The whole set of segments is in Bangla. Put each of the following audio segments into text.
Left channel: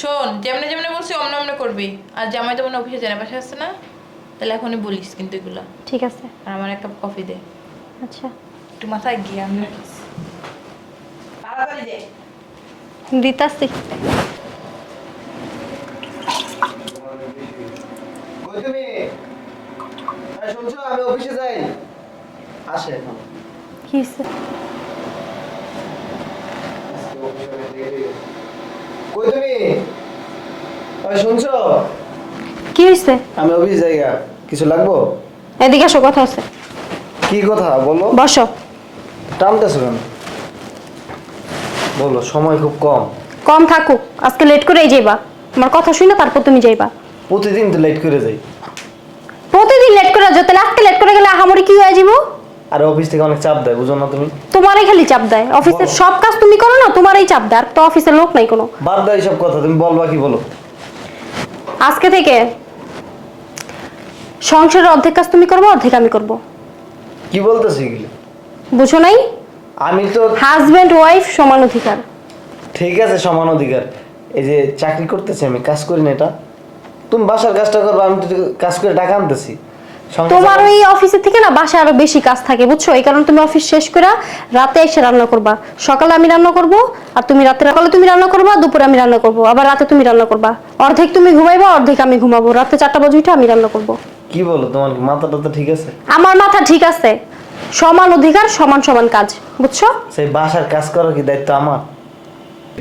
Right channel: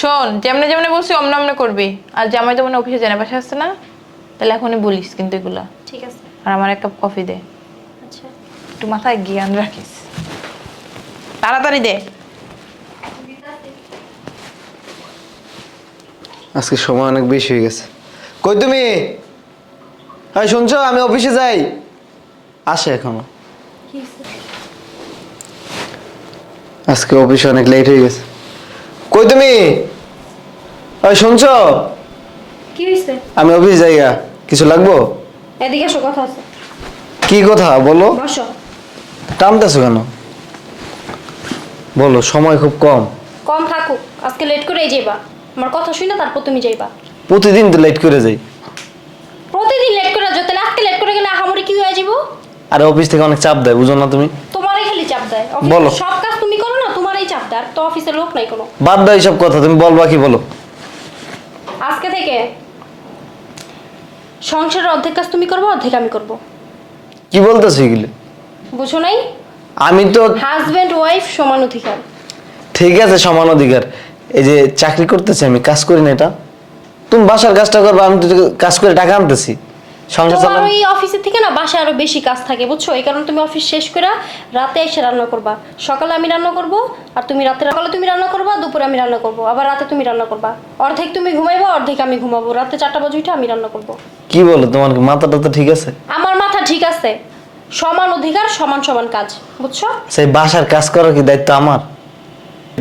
শোন যেমনি যেমনি বলছি অমনে অমনে করবি। আর জামাই তো মনে অফিসে জানা পাশে আসছে না? তাহলে এখনই বলিস কিন্তু এগুলা। ঠিক আছে। আর আমার এক কাপ কফি দে। আচ্ছা। একটু মাথায় জ্ঞান রাখিস। তাড়াতাড়ি দে। দিতাছি। আজকে সময় অনেক বেশি হয়ে গেছে। কই তুমি? এই শুনছো আমি অফিসে যাই। আসে এখনও। কি? আজকে অফিসে অনেক লেট হয়ে গেছে। কই তুমি? এই শুনছো? কি হয়েছে আমি অফিস যাইয়া কিছু লাগবো? এদিকে আসো কথা আছে। কি কথা? বলো। বসো। টানতেছো কেন? বলো সময় খুব কম। কম থাকুক আজকে লেট করেই যাইবা। আমার কথা শুনে তারপর তুমি যাইবা। প্রতিদিন তো লেট করে যাই। প্রতিদিন লেট করে তাহলে আজকে লেট করে গেলে আহামরি কি হয়ে যাব আর অফিস থেকে অনেক চাপ দেয় বুঝো না তুমি। তোমারই খালি চাপ দেয়। অফিসের বলো। সব কাজ তুমি করো না তোমারই চাপ দেয় আর তো অফিসের লোক নাই কোনো। বাদ দাও এইসব কথা তুমি বলবা কি বলো। আজকে থেকে সংসারের অর্ধেক কাজ তুমি করবে অর্ধেক আমি করব। কি বলতেছো এগুলো? বুঝো নাই? আমি তো হাজবেন্ড ওয়াইফ সমান অধিকার। ঠিক আছে সমান অধিকার। এই যে চাকরি করতেছি আমি কাজ করি না এটা। তুমি বাসার কাজটা করবে আমি তো কাজ করে টাকা আনতেছি। তোমার ওই অফিসের থেকে না বাসায় আরও বেশি কাজ থাকে বুঝছ? এই কারণে তুমি অফিস শেষ করে রাতে এসে রান্না করবা। সকালে আমি রান্না করব আর তুমি রাতে সকালে তুমি রান্না করবা দুপুরে আমি রান্না করব। আবার রাতে তুমি রান্না করবা। অর্ধেক তুমি ঘুমাইবা অর্ধেক আমি ঘুমাবো। রাতে চারটা বাজে উঠে আমি রান্না করব। কি বলো তোমার মাথাটা তো ঠিক আছে? আমার মাথা ঠিক আছে। সমান অধিকার সমান সমান কাজ বুঝছ? সেই বাসার কাজ করার কি দায়িত্ব আমার?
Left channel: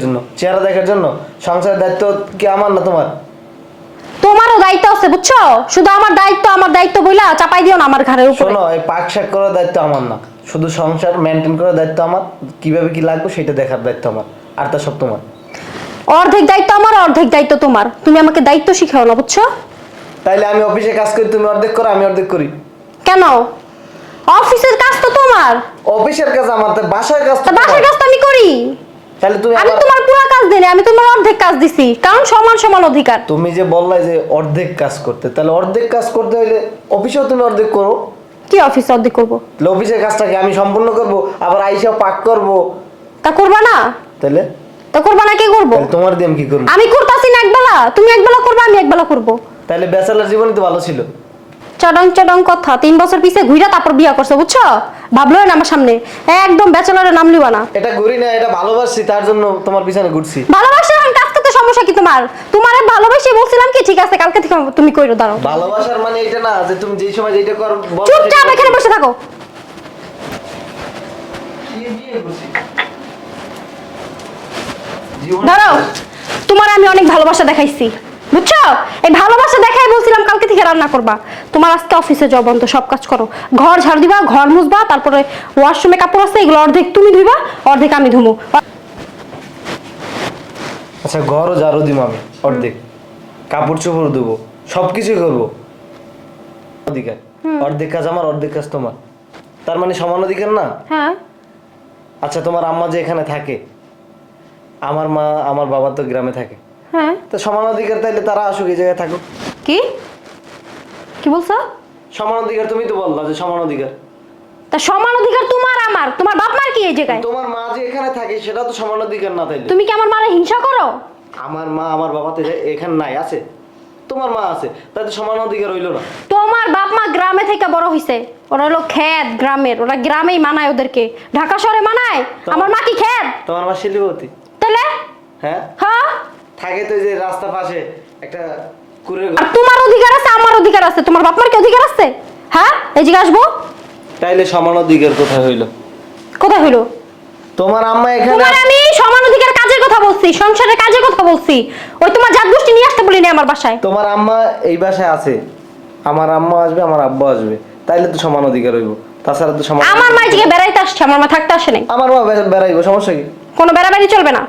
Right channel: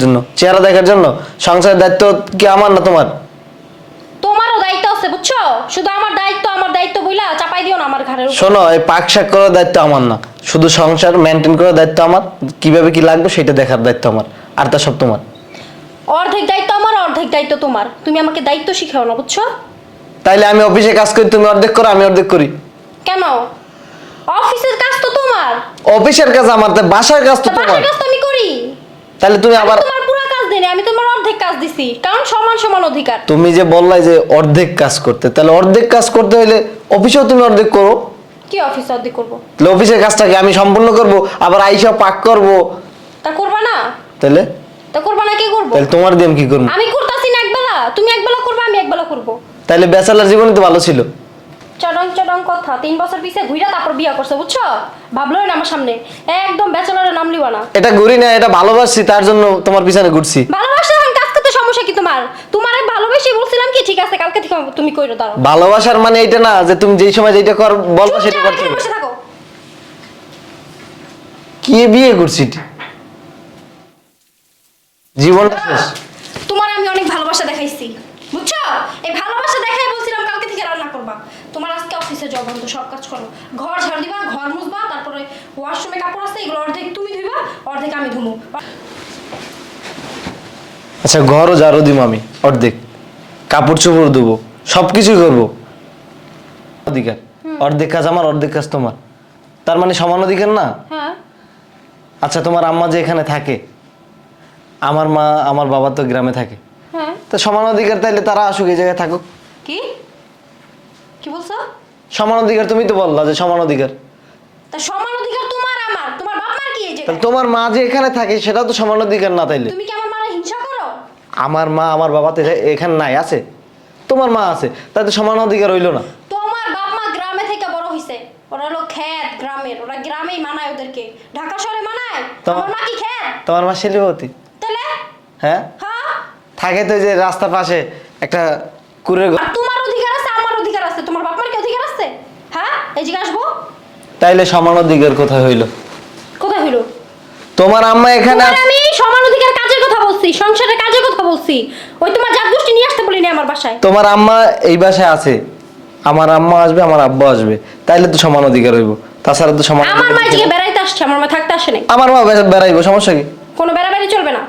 জন্য। চেহারা দেখার জন্য? সংসারের দায়িত্ব কি আমার না তোমার? দায়িত্ব আছে বুঝছ? শুধু আমার দায়িত্ব আমার দায়িত্ব বইলা চাপাই দিও না আমার ঘাড়ের উপর। শোনো এই পাক শাক করার দায়িত্ব আমার না। শুধু সংসার মেনটেন করার দায়িত্ব আমার কীভাবে কি লাগবে সেটা দেখার দায়িত্ব আমার আর তা সব তোমার। অর্ধেক দায়িত্ব আমার অর্ধেক দায়িত্ব তোমার। তুমি আমাকে দায়িত্ব শিখাও না বুঝছ? তাইলে আমি অফিসে কাজ করি তুমি অর্ধেক করো আমি অর্ধেক করি। কেন? অফিসের কাজ তো তোমার। অফিসের কাজ আমার তা বাসার কাজ তো বাসার কাজ তো আমি করি। তাহলে তুমি আবার তোমার পুরো কাজ আমি তোমার অর্ধেক কাজ দিছি কারণ সমান সমান অধিকার। তুমি যে বললাই যে অর্ধেক কাজ করতে তাহলে অর্ধেক কাজ করতে হলে অফিসেও তুমি অর্ধেক করো। কি অফিস অর্ধেক করব? তাহলে অফিসের কাজটাকে আমি সম্পূর্ণ করব আবার আইসা পাক করব। তা করবা না? তাহলে? তা করবা না কি করব? তাহলে তোমার দিয়ে আমি কি করব? আমি করতাছি না একবেলা তুমি একবেলা করবা আমি একবেলা করব। তাহলে ব্যাচেলার জীবনে তো ভালো ছিল। চডং চডং কথা তিন বছর পিছে ঘুরে তারপর বিয়া করছ বুঝছ? ভাবলো না আমার সামনে। একদম ব্যাচেলারের নাম লিবা না। এটা ঘুরি না এটা ভালোবাসছি তার জন্য তোমার পিছনে ঘুরছি। ভালোবাসা এখন কাজ করতে সমস্যা কি তোমার? তোমার ভালোবেসে বলছিলাম কি ঠিক আছে কালকে থেকে তুমি কইরো দাঁড়াও। ভালোবাসার মানে এটা না যে তুমি যেই সময় যেটা কর সেটা চুপচাপ এখানে বসে থাকো। কি বিয়ে করছি জীবন তোমার আমি অনেক ভালোবাসা দেখাইছি। বুঝছ? এই ভালোবাসা দেখাই বলছিলাম কালকে থেকে রান্না করবা। তোমার আজকে অফিসে যাও বন্ধ সব কাজ করো। ঘর ঝাড়ু দিবা ঘর মুছবা তারপরে ওয়াশরুমে কাপড় আছে এগুলো অর্ধেক তুমি ধুইবা অর্ধেক আমি ধুমু। আচ্ছা ঘরও ঝাড়ু দিব আমি অর্ধেক। কাপড় চোপড় দেবো সবকিছুই করব। অধিকার। অর্ধেক কাজ আমার অর্ধেক কাজ তোমার। তার মানে সমান অধিকার না? হ্যাঁ। আচ্ছা তোমার আম্মা যে এখানে থাকে আমার মা আমার বাবা তো গ্রামে থাকে। তো সমান অধিকার তাইলে তারা আসুক এই জায়গায় থাকুক। কি? কি বলছো? সমান অধিকার তুমি তো বললা যে সমান অধিকার। তা সমান অধিকার তোমার আমার তোমার বাপ মার কি এই জায়গায়? তোমার মা যে এখানে থাকে সেটা তো সমান অধিকার না তাইলে। তুমি কি আমার মারে হিংসা করো? আমার মা আমার বাবা তো এখানে নাই আছে? তোমার মা আছে তাতে সমান অধিকার হইল না। তোমার বাপ মা গ্রামে থেকে বড় হইছে। ওরা হলো খ্যাত গ্রামের ওরা গ্রামেই মানায় ওদেরকে। ঢাকা শহরে মানায়? আমার মা কি খ্যাত তোমার মা শিল্পপতি তাহলে হ্যাঁ? হ্যাঁ? থাকে তো যে রাস্তার পাশে একটা কুড়ের ঘর। আর তোমার অধিকার আছে আমার অধিকার আছে। তোমার বাপ মার কি অধিকার আছে? হ্যাঁ? এই দিকে আসব? তাইলে সমান অধিকার কোথায় হইল? কোথায় হইল? তোমার আম্মা এখানে তোমার আমি সমান অধিকার কাজের কথা বলছি সংসারের কাজের কথা বলছি। ওই তোমার জাত গোষ্ঠী নিয়ে আসতে বলিনি আমার বাসায়। তোমার আম্মা এই বাসায় আছে। আমার আম্মা আসবে আমার আব্বা আসবে। তাইলে তো সমান অধিকার হইব। তাছাড়া তো সমান আমার মা এদিকে বেড়াইতে আসছে আমার মা থাকতে আসে নাই। আমার মা বেড়াইবো সমস্যা কি? কোনো বেড়াবেড়ি চলবে না।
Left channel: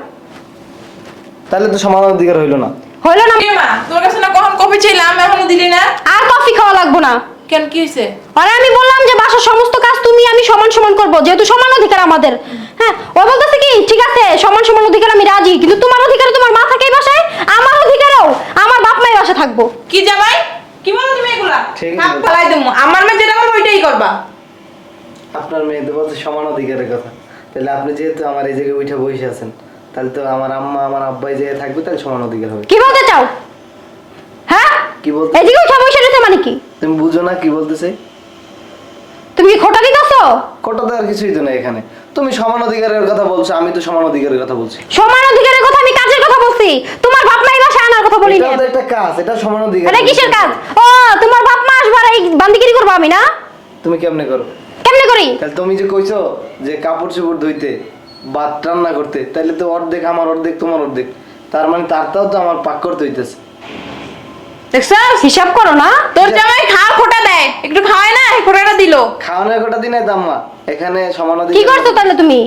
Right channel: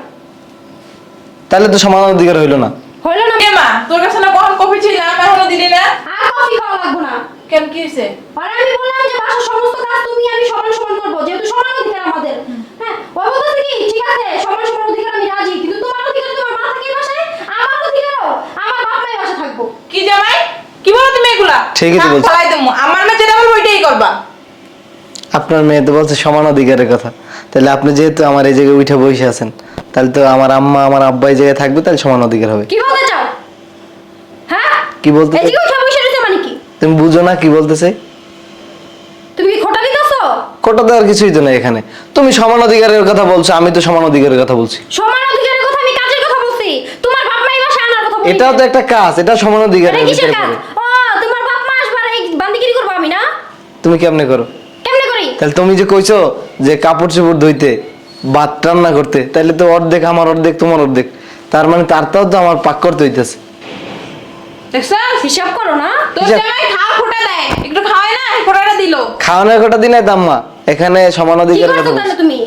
তাহলে তো সমান অধিকার হইল না। হইল না। মা তোর কাছে না কখন কফি ছিলাম এখনও দিলি না? আর কফি খাওয়া লাগবো না। কেন কি হয়েছে আরে আমি বললাম যে বাসার সমস্ত কাজ তুমি আমি সমান সমান করব যেহেতু সমান অধিকার আমাদের। হ্যাঁ ও বলতেছে কি ঠিক আছে সমান সমান অধিকার আমি রাজি কিন্তু তোমার অধিকারে তোমার মা থাকে এই বাসায় আমার অধিকারেও আমার বাপ মায়ের বাসা থাকব। কি জামাই? কি বলো তুমি এগুলা? তো কাম বলছো। চালাই দেবো। আমার মেয়ে যেটা বলব ওইটাই করবা। আপনার মেয়ে তো বলছে সমান অধিকারের কথা। তাহলে আপনি যেহেতু আমার এই জায়গায় উঠে বসে আছেন তাহলে তো আমার আম্মা আমার আব্বা এই জায়গায় থাকবে তাহলে সমান অধিকার হবে। কি বলতে চাও? হ্যাঁ? কি বলতে এদিকে উঠা বসে রয়েছে মানে কি? তুমি বুঝো না কি বলতেছে? তুমি কি খোটা দিতেছো? কোটা দেওয়ার কিছুই তো নেই এখানে। তুমি সমান অধিকারের কথা বলছো আমি তো সমান অধিকারের কথা বলছি। সমান অধিকারের কথা আমি কাজের কথা বলছি। তোমার বাপ মা বাসায় আনার কথা বলি এটাও তো একটা কাজ এটা সমান অধিকার এটা কিসের কাজ? ও তোমার বাপ মা আসবার এই বান্দিগিরি করব আমি না? তুমি কেমনে করো? কেমনে করি? তাহলে তুমি যে কইছো যে কাপড় চোপড় ধুইতে ভাত রান্না করতে। তাহলে তো অর্ধেক আমার অর্ধেক তোমার অর্ধেক। তার মানে তারটাও তো আমার পাক করতে হইতেছে। দেখছ? হিসাব করো না। তোর জামাই খাওয়া খোটা দেয়। একটু খাওয়ায় না খোটাটা দিলো। খাওয়ানোর কটা দিনে দাম্মা এখানে সমান কি অধিকার করছ তাহলে তুমি?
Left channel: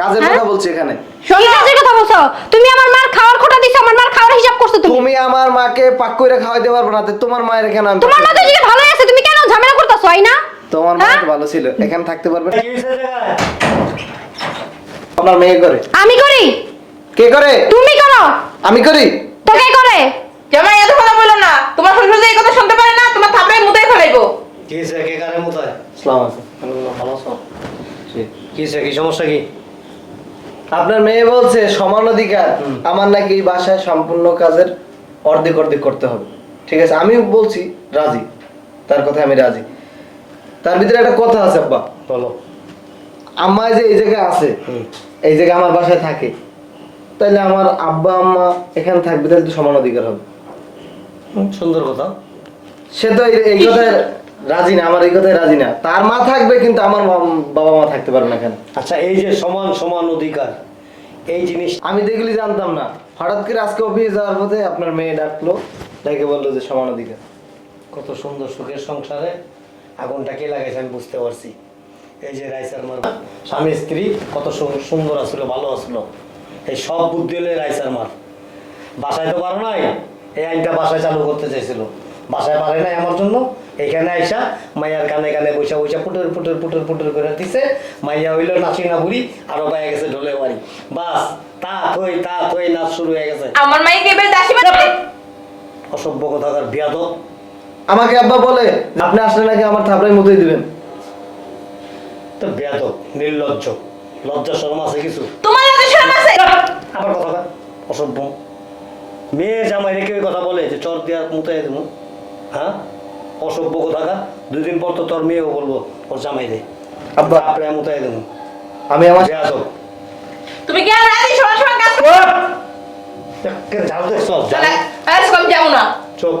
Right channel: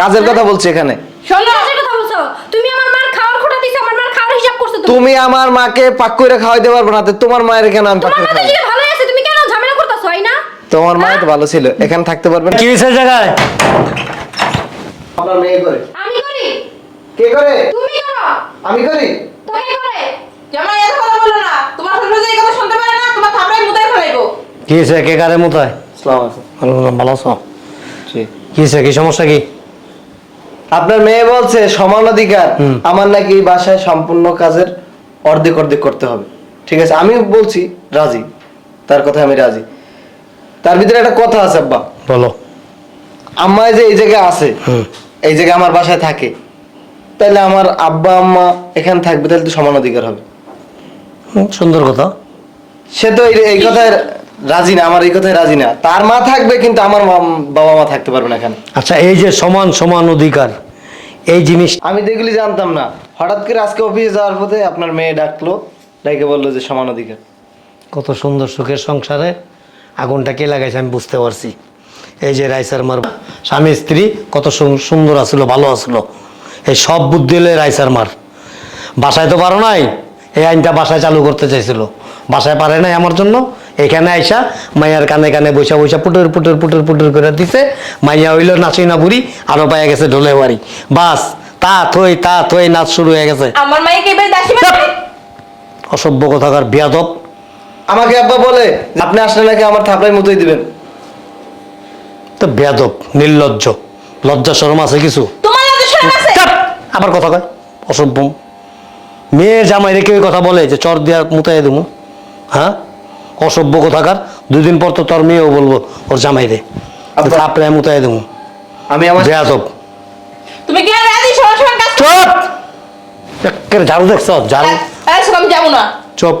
কাজের কথা বলছি এখানে। কি কাজের কথা বলছো? তুমি আমার মার খাওয়ার খোটা দিছো আমার মার খাওয়ার হিসাব করছ তুমি? তুমি আমার মাকে পাক করে খাওয়াইতে পারবে না তো তোমার মায়ের এখানে আমি পাক তোমার করে খাওয়াই। আছে তুমি কেন ঝামেলা করতেছো না তোমার মা তো ভালো ছিল এখানে থাকতে পারবে না কি হয়েছে জায়গায়? আপনার মেয়ে করে। আমি করি? কে করে? তুমি করো। আমি করি? তো কে করে? জামাই এত কথা বলো না। তোমার শ্বশুর যে এই কথা শুনতে পারে না তোমার থাপড়াই মুদাই ফেলাইবো। কি হয়েছে? কে কারে মোতায়? আসসালামু আলাইকুম। ভালো ভালো আছো? জি। কি হয়েছে? কি সমস্যা কি? আপনার মেয়ে বলছে সমান অধিকার। আমার নাকি এই বাসায় সম্পূর্ণ কাজের অর্ধেক অর্ধেক করতে হবে। ঠিক আছে? আমিও বলছি রাজি। তার কথা আমি রাজি। তার ভিতরে একটা কথা আছে আব্বা। বলো। আম্মা যে এই জায়গায় আছে। এই জায়গায় আমার বাসায় থাকে। তাহলে আমার আব্বা আম্মা এখানে থাকবে তাহলে তো সমান অধিকার হবে। সুন্দর কথা। সে তো এই- কথায় রাজি না আমার এই কথায় রাজি না। তার মা থাকবে কিন্তু আমার বাবা মা থাকতে পারবে না এখানে। আচ্ছা এই যে সমান সমান অধিকার এই জিনিস আমি তো এগুলি জানতাম না। হঠাৎ করে আজকে অফিসে যাওয়ার পথে আপনার মেয়ে ডাকলো ডাকে বলল যে সমান অধিকার। কত সুন্দর সুখের সংসারে আগুনটা কে লাগাইছে আমি বুঝতে পারছি। এই যে রাইসার মার স্বামী স্ত্রী কত সুন্দর আসলো ভালো আসলো এই সব বুদ্ধি হলে রাইসার মার। বাসায় তো পারো নাই এই আইনটা বাসায় চালু করতে চাইছিল। বাসায় পারে নাই আমার জন্য এখানে আইসা মাইয়ার কানে কানে বৈশা বৈশা পুটুর পুটুর পুটুর পুটুর করে দিছে। মাইয়া হইল নাচি না বুড়ি আরও পাইয়া গেছে ঢোলে বাড়ি বাস তা থই তা থই নাচ শুরু হয়ে গেছে। আমার এবার দাসী অসভ্য কথাকার বিয়াদব। আমাকে আব্বা বলে আপনি আসলে নাকি আমার থাপড়াই মতোই দিবেন? তো বেয়াদব নির্লজ্জ। লজ্জা শরম আছে কিছু? তোমার লজ্জা শরম আছে? আবার কথা কয়। অসভ্য মেয়ে জামাই রেখে ওই কথা বলে যে চর দিয়া মুতাই দেবো হ্যাঁ? অসভ্য কথাকার। দুদিন পর তো তোর মেয়েও বলব ওর জামাই রে। আপনি মুতাই দেবো আমি আমার বেয়াদব। তুমি কি আর রাজি? সমান কাজ চুপ! একেবারে ঝাড়ু দেখছ? ঝাড়ু। আমি যাব না। চুপ।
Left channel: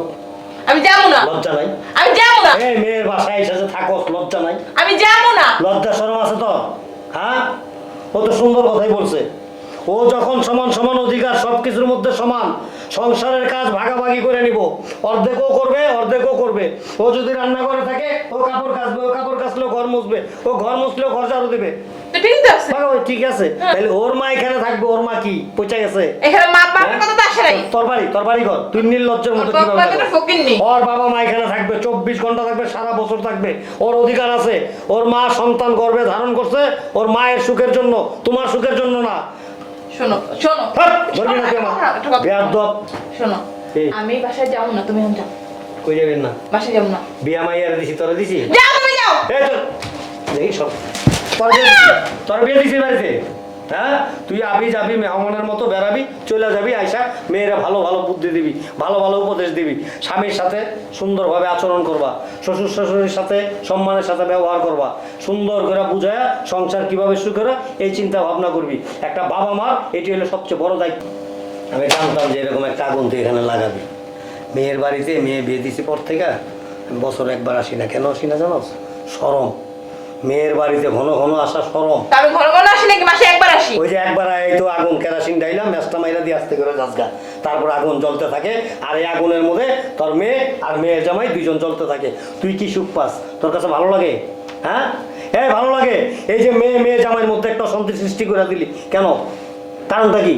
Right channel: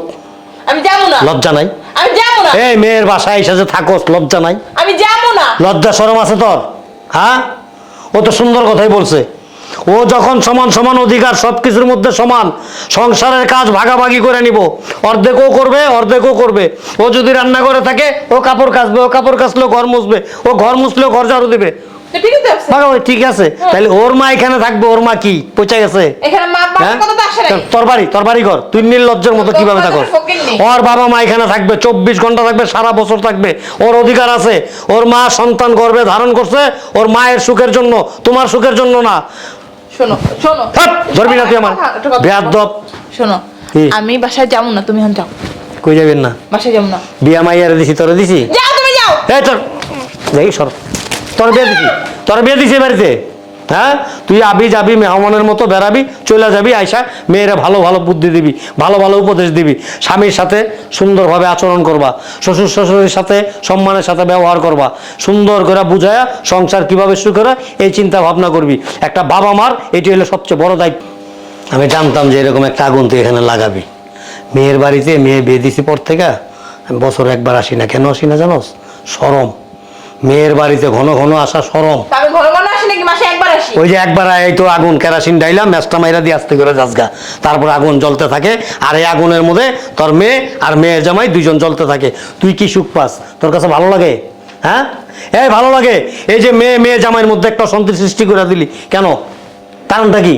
আমি যাব না। লজ্জা নাই। আমি যাব না। এই মেয়ের বাসায় এসে যে থাকোস লজ্জা নাই। আমি যাব না। লজ্জা শরম আছে তোর হ্যাঁ? ও তো সুন্দর কথাই বলছে। ও যখন সমান সমান অধিকার সব কিছুর মধ্যে সমান সংসারের কাজ ভাগাভাগি করে নিব। অর্ধেকও করবে অর্ধেকও করবে। ও যদি রান্না করে থাকে ও কাপড় কাচবে ও কাপড় কাচলেও ঘর মুছবে ও ঘর মুছলেও ঘর ঝাড়ু দিবে। তো ঠিক আছে। ঠিক আছে। তাহলে ওর মা এখানে থাকবে ওর মা কি? পচে গেছে। এখানে মা বাবার হ্যাঁ? কথা তো আসে নাই। তোর- তোর বাড়ি তোর বাড়ি ঘর। তুই নির্লজ্জের মতো কীভাবে থাকো ওর বাবা মা এখানে থাকবে চব্বিশ ঘণ্টা থাকবে সারা বছর থাকবে। ওর অধিকার আছে। ওর মা সন্তান গর্ভে ধারণ করছে ওর মায়ের সুখের জন্য তোমার সুখের জন্য না। শোনো শোনো। হাট, ধরবি না তুই আমার। কথা, একটা কথা বেয়াদব। শোনো আমি বাসায় যাব না তুমি এখন যাও। কই যাবেন না? বাসায় যাব না। বিয়া মাইয়ারে দিছি তোরে দিছি? যাও তুমি যাও। এই তোর দেখি সর। তোর বিয়ে দিছি। তোর বিয়ে দিছি বাড়িতে? হ্যাঁ? তুই আবি যাবি, মেহমানের মতো বেড়াবি চলে যাবি, আইসা মেয়েরা ভালো ভালো বুদ্ধি দিবি, ভালো ভালো উপদেশ দিবি, স্বামীর সাথে সুন্দরভাবে আচরণ করবা, শ্বশুর শ্বশুরের সাথে সম্মানের সাথে ব্যবহার করবা, সুন্দর করে বুঝায়া সংসার কীভাবে শুরু করে, এই চিন্তা ভাবনা করবি। একটা বাবা মার, এটি হলো সবচেয়ে বড় দায়িত্ব। আমি জানতাম যে এরকম একটা আগুন তুই এখানে লাগাবি। মেয়ের বাড়িতে মেয়ে বিয়ে দিছি পর থেকে, বছর একবার আসি না। কেন আসি না জানোস? সরম। মেয়ের বাড়িতে ঘন ঘন আসা সরম। আমি ঘন ঘন আসি নাকি? মাসে একবার আসি? ওই যে একবার এই তো আগুন কেরাসিন ডাইলাম ম্যাচটা মাইরা দিয়ে আসতে করে যাসগা। তারপর আগুন জ্বলতে থাকে আর এই আগুনের মধ্যে তোর মেয়ে আর মেয়ের জামাই দুইজন জ্বলতে থাকে। তুই কি সুখ পাস? তোর কাছে ভালো লাগে? হ্যাঁ? এই ভালো লাগে। এই যে মেয়ে মেয়ে জামাইয়ের মধ্যে একটা অশান্তি সৃষ্টি করে দিলি। কেন? কারণটা কি?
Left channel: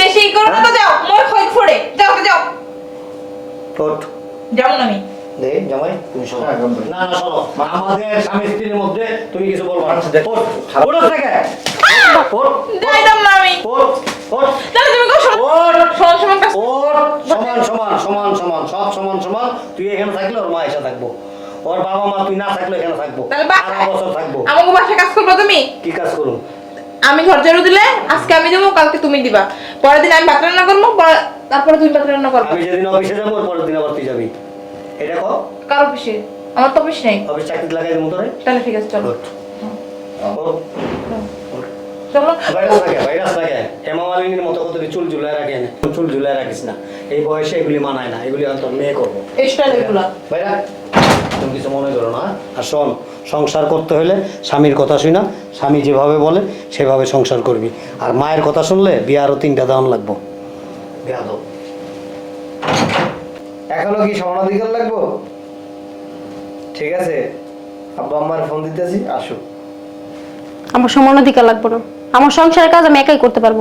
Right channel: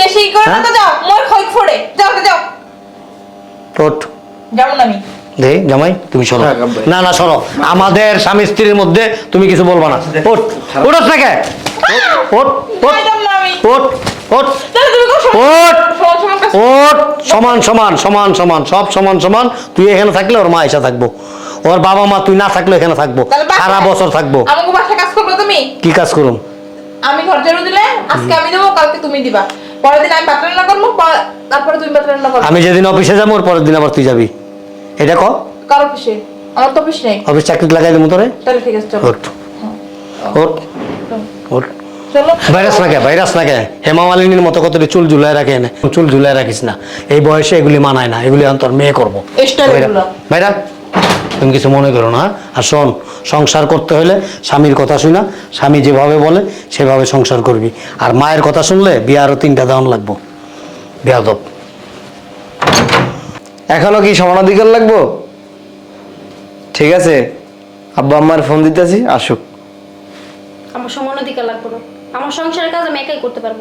বেশি করে হ্যাঁ? তো যাও মোর খোঁজ ফোড়ে। যাও যাও। যাব না আমি। দে জামাই তুমি শোনো না না শোনো আমাদের স্বামী স্ত্রীর মধ্যে তুমি কিছু বলবা না। আচ্ছা, ওঠ ওঠ থেকে ওঠ ওঠ ওঠ ওঠ। সমান- ওঠ সমান সমান সমান সব সমান সমান। তুই এখানে থাকলে ওর মা এসে থাকব। ওর বাবা মা তুই না থাকলে এখানে থাকব। সারা বছর থাকব। কাজ করব তুমি? কি কাজ করুন? আমি ঘর ঝাড়ু দিলে আজকে আমি দেবো কালকে তুমি দিবা। পরের দিন আমি ভাত রান্না করব তারপরে তুমি ভাত রান্না করব আমি যেদিন অফিসে যাব ওর পরের দিন আবার তুই যাবি। এটা ক? কার অফিসে? আমার তো অফিস নেই। অফিস চাকরি লাগাই দেবো তোরে? তাহলে ঠিক আছে চলো। ওঠ। ওঠ। ওঠ। চলো। ভাইরাস না কে ভাইরাস না কে হেমা মালিনীর মতো কত চুল ঝুলায় রাখে এনে। চুল ঝুলায় রাখিস না। এই বয়সে এগুলি মানায় না। এগুলি অন্তর মেয়ে করব। ভাইরা- তুমি কিছু মনে করো না আর শোন সংসার করতে হলে স্বামীর কথা শুনা স্বামী যেভাবে বলে সেভাবে সংসার করবি। আর মায়ের কথা শুনলে বিয়ে আরও তিনটা দাম লাগবো। বিয়াদব। এখনও কি সমান অধিকার লাগবো? ঠিক আছে আব্বা আম্মার ফোন দিতেছি আসুক। আমার সমান অধিকার লাগবে না। আমার সংসারের কাজ আমি একাই করতে পারব।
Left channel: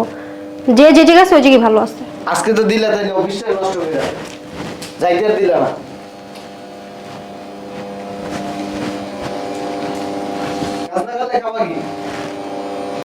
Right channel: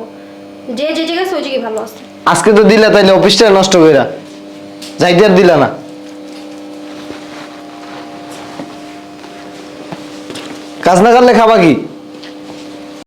যে যে জায়গা আছে ওই জায়গায় ভালো আছে। আজকে তো দিলে তাইলে অফিসটা নষ্ট কইরা। যাইতে আর দিলা না। কাজ না করলে খাবা কি?